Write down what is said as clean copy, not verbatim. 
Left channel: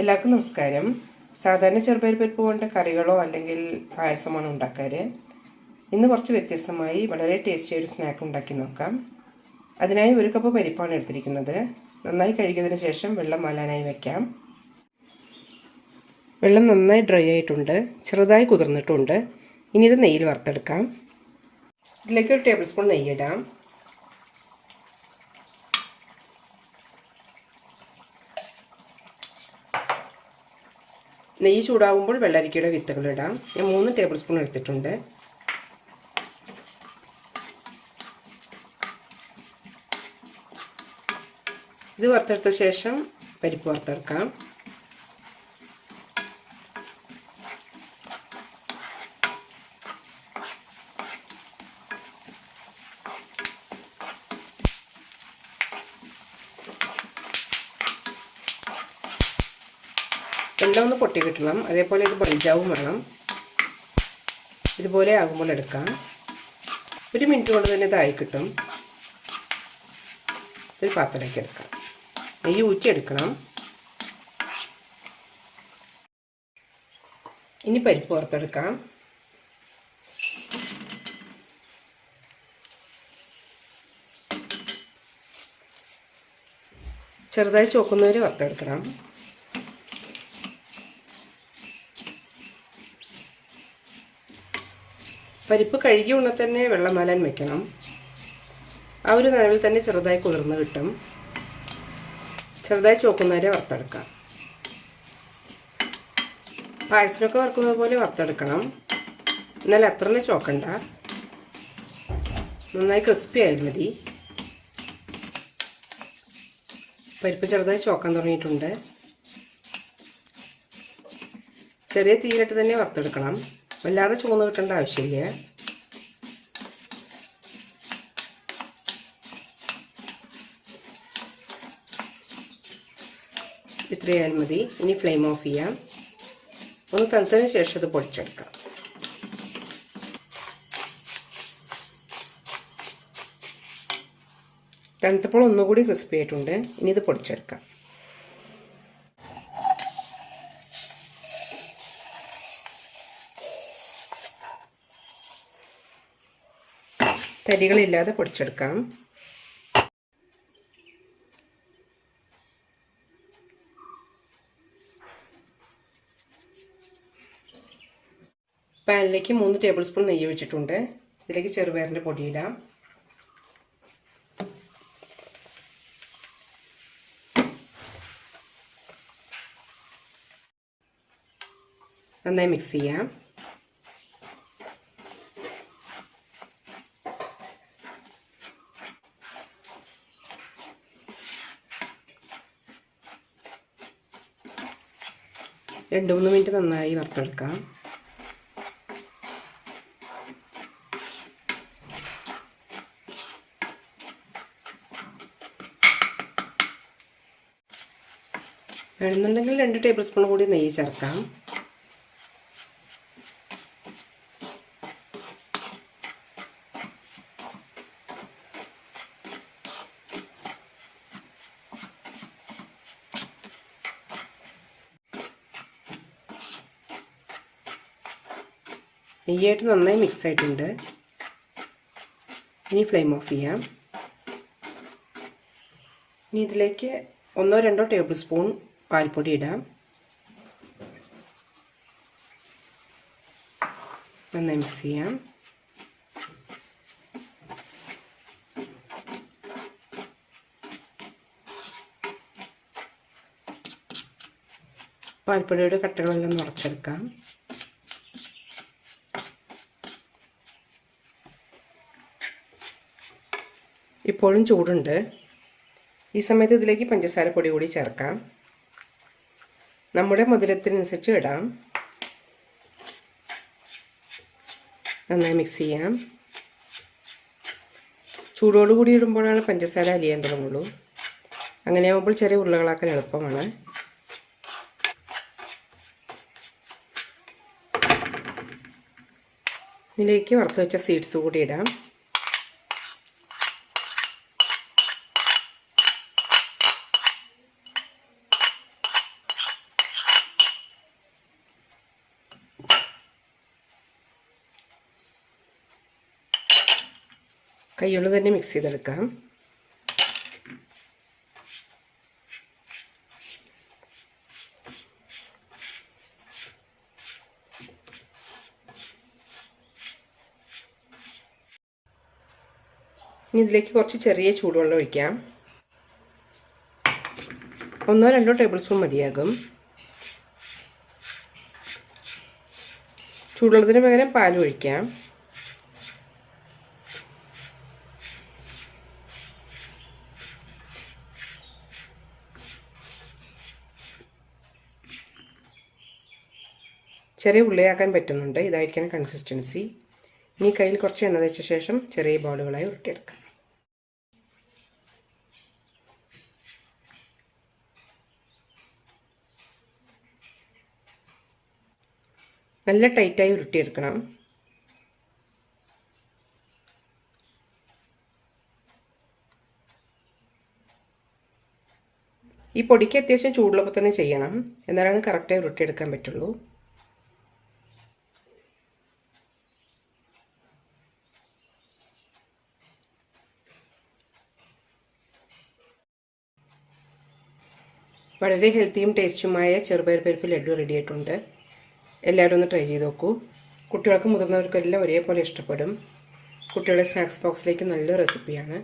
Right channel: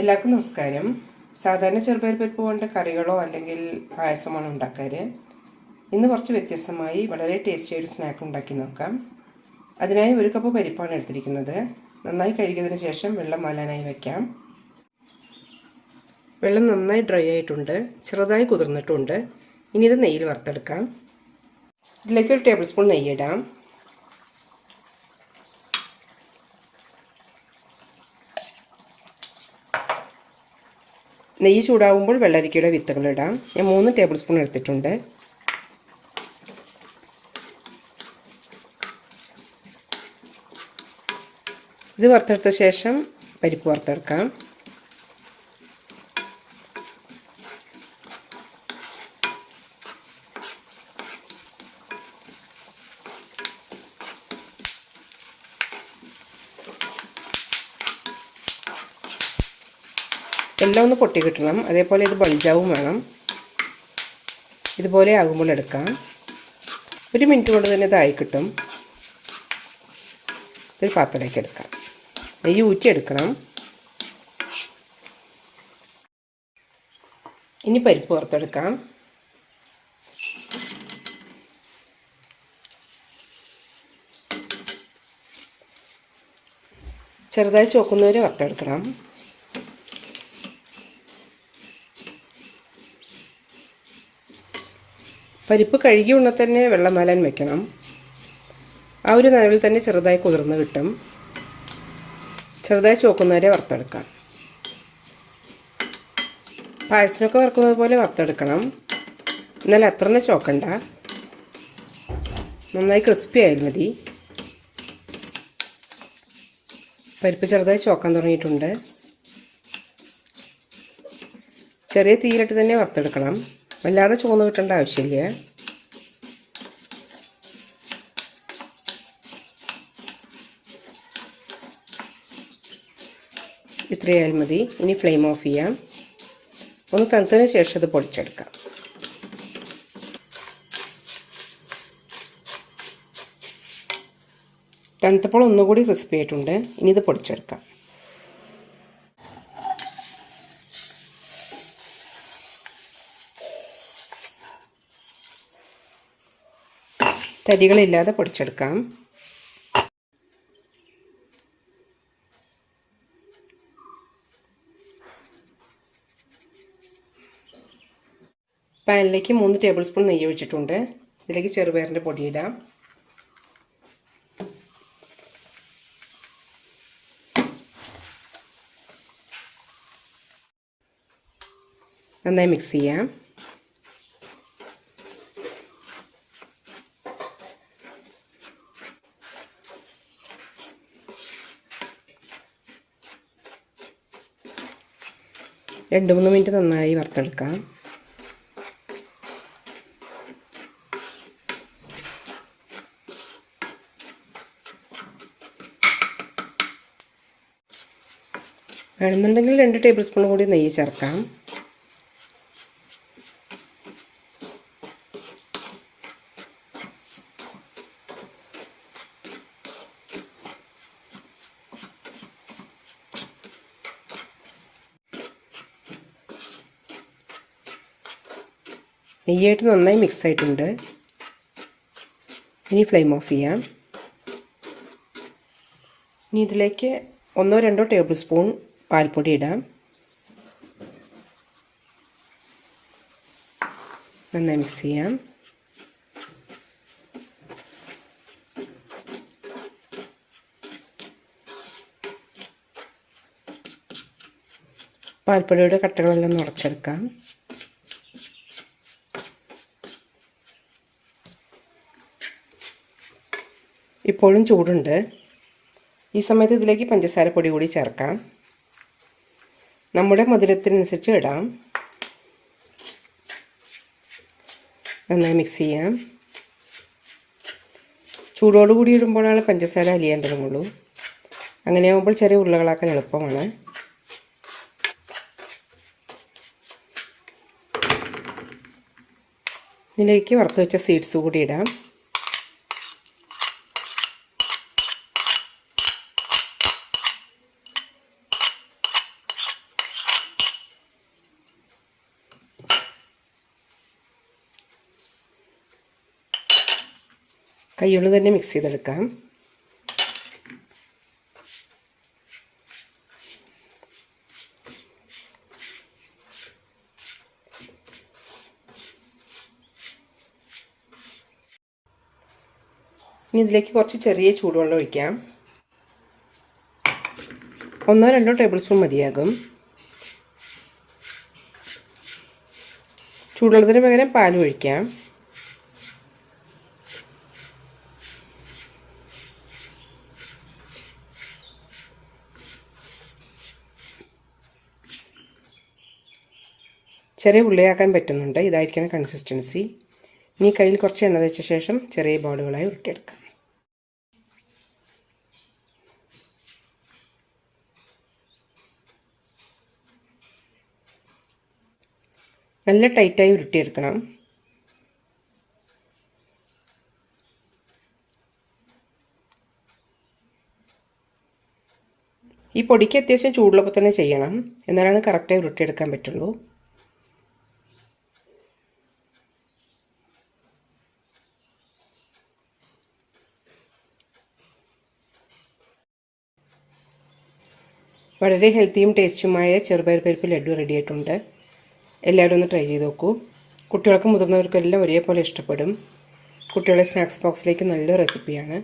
എല്ലാവർക്കും നമസ്കാരം. സാധാരണ ചെറുപയർ പരിപ്പ് കൊണ്ട് കറികളോ അല്ലെങ്കിൽ പായസമാണ് ഉണ്ടാക്കാറ്. ഇന്ന് കുറച്ച് വ്യത്യസ്തമായി വളരെ ടേസ്റ്റിയായ ഒരു സ്നാക്ക് ഉണ്ടാക്കി നോക്കാം. അതിനായി 1 കപ്പ് പരിപ്പാണ് എടുത്തിരിക്കുന്നത്. നന്നായി കഴുകിയതിന് ശേഷം വെള്ളം മാലാനായി വയ്ക്കാം. വെള്ളം നന്നായി ഡ്രൈ ആയിട്ടുണ്ട്, ചെറുതായി കുതിർന്നിട്ടുണ്ട്. ഇനി ഇത് നെയ്യിൽ വറുത്തെടുക്കാം. ഇതിലേക്ക് 1 ടേബിൾ സ്പൂൺ നെയ്യ് ഇടാം. നെയ്യ് ചൂടാകുമ്പോൾ വെള്ളരിക്കയുടെ വിത്തുകൾ ഇടാം. ഞാൻ 3 ടേബിൾ സ്പൂൺ എടുത്തിട്ടുണ്ട്. ഇത് വറുത്തെടുത്ത ശേഷം പരിപ്പ് വറുത്തെടുക്കാം. എല്ലാം ഒന്ന് പൊട്ടി കിട്ടണം. അതേപോലെ ഇത് ബൾജാവും വേണം. ഇതുപോലെ ആകുമ്പോൾ എടുക്കാം. 1 മിനിറ്റ് കൊണ്ട് തന്നെ ഇതായി കിട്ടും. ഒരു പാത്രത്തിലേക്ക് എടുക്കാം. നെയ്യ് ഊറ്റിയെടുക്കണം. ഇനി പരിപ്പ് വറുത്തെടുക്കാം. ചെറുതായി ചോക്കുന്നവരെ വറുത്തെടുക്കണം. പരിപ്പ് കഴുകി ഉടനെ തന്നെ വെള്ളം മാലാൻ വെക്കണം. ആ ഒരു നനവിൽ തന്നെ ചെറുതായി കുതിർന്ന് കിട്ടും. ചെറുതായി ചോക്കുന്നവരെ വറുത്തെടുക്കാം. പായസത്തിനൊക്കെ വറുക്കുന്നത് പോലെ വറുത്തെടുക്കണം. എന്നാൽ അത്ര തന്നെ ചോക്കണ്ട. നന്നായി ക്രിസ്പി ആയാൽ മതി. പരിപ്പ് ചെറുതായി ചോക്കാൻ തുടങ്ങിയിട്ടുണ്ട്. ചെറിയ തീയിലിട്ട് തന്നെ വറുത്തെടുക്കണം. വല്ലാതെ ചുവന്ന് കിട്ടേണ്ട ആവശ്യമില്ല. ഇത്രയായാൽ മതി. ഇനി ഫ്ലെയിം ഓഫ് ചെയ്യാം. ഒന്ന് തണുത്തതിന് ശേഷം ഇത് പൊടിച്ചെടുക്കാം. തണുത്തപ്പോൾ ഒന്നുകൂടി ക്രിസ്പി ആയിട്ടുണ്ട്. ഇനി ഇത് പൊടിച്ചെടുക്കാം. തരികളില്ലാതെ പൊടിച്ചെടുക്കാം. പാനിലേക്ക് 3 ടേബിൾ സ്പൂൺ നെയ്യ് ഒഴിച്ചിട്ടുണ്ട്. ഇതിലേക്ക് ചെറുപയറിൻ്റെ പൊടിയിടാം. നന്നായി മിക്സ് ചെയ്യാം. രണ്ട് 3 മിനിറ്റ് നന്നായി വറുത്തെടുക്കാം. വേണമെന്നുണ്ടെങ്കിൽ 2 ടേബിൾ സ്പൂൺ കൂടി നെയ്യ് ചേർക്കാം. നെയ്യായിട്ട് നന്നായി മിക്സ് ആയിട്ടുണ്ട്. ഇനി ഫ്ലെയിം ഓഫ് ചെയ്യാം. ഇനി ഇതിലേക്ക് 1-2 ടേബിൾ സ്പൂൺ പാൽപ്പൊടി ഇടാം. നന്നായി മിക്സ് ചെയ്യാം. പാൽപ്പൊടിയുടെ കട്ടകളെല്ലാം ഉടച്ചെടുക്കാം. ഇപ്പോഴും ചൂടുണ്ട്. ഈ സമയത്ത് ഇതിലേക്ക് പഞ്ചസാര പൊടി കൂടി ചേർക്കാം. നമ്മുടെ മധുരത്തിനനുസരിച്ച് ഇടാം. നന്നായി മിക്സ് ചെയ്യാം. ചൂടോടുകൂടി ഇടുമ്പോഴാണ് പഞ്ചസാര അലിയാൻ തുടങ്ങുള്ളൂ. അങ്ങനെ ആകുമ്പോൾ ചെറിയ ഉരുളകളാക്കാൻ എളുപ്പമാണ്. ഇതിലേക്ക് വറുത്ത് വെച്ച സീഡ്സ് കൂടി ഇടാം. കൈകൊണ്ട് തന്നെ മിക്സ് ചെയ്തെടുക്കാം. ഇനി ഇതിലേക്ക് കുറച്ച് ചെറിയ ചൂടുവെള്ളം ഒഴിക്കാം. 1-2 ടേബിൾ സ്പൂൺ മതിയാകും. ചൂടുവെള്ളത്തിന് പകരം പാൽ ഒഴിക്കാം. ചെറിയ ഉള്ളിയാക്കാൻ പറ്റുന്നുണ്ട്. ഇതായിരിക്കണം കൺസിസ്റ്റൻസി. ഇനി കയ്യിൽ കുറച്ച് എണ്ണ തേച്ച ശേഷം ചെറിയ ബോളുകളായി ഉരുട്ടിയെടുക്കാം. നല്ല ടൈറ്റായി ഉരുട്ടിയെടുക്കണം. ഈ പൊടിക്ക് അത്യാവശ്യം ചൂടുള്ളപ്പോൾ തന്നെ ചെയ്യണം, എന്നാലാണ് കറക്റ്റായി ഉരുട്ടിയെടുക്കാൻ പറ്റുള്ളൂ. വളരെ ഹെൽത്തിയും ടേസ്റ്റുമായ ചെറുപയർ പരിപ്പ് ലഡു റെഡി ആയിട്ടുണ്ട്. എല്ലാവരും ഒന്ന് ട്രൈ ചെയ്ത് നോക്കൂ. കുട്ടികൾക്കും മുതിർന്നവർക്കും എല്ലാം ഒരേപോലെ ഇഷ്ടപ്പെടും. കുട്ടികളുടെ സ്നാക്സ് ബോക്സിലേക്ക് നല്ല റെസിപ്പിയാണ്.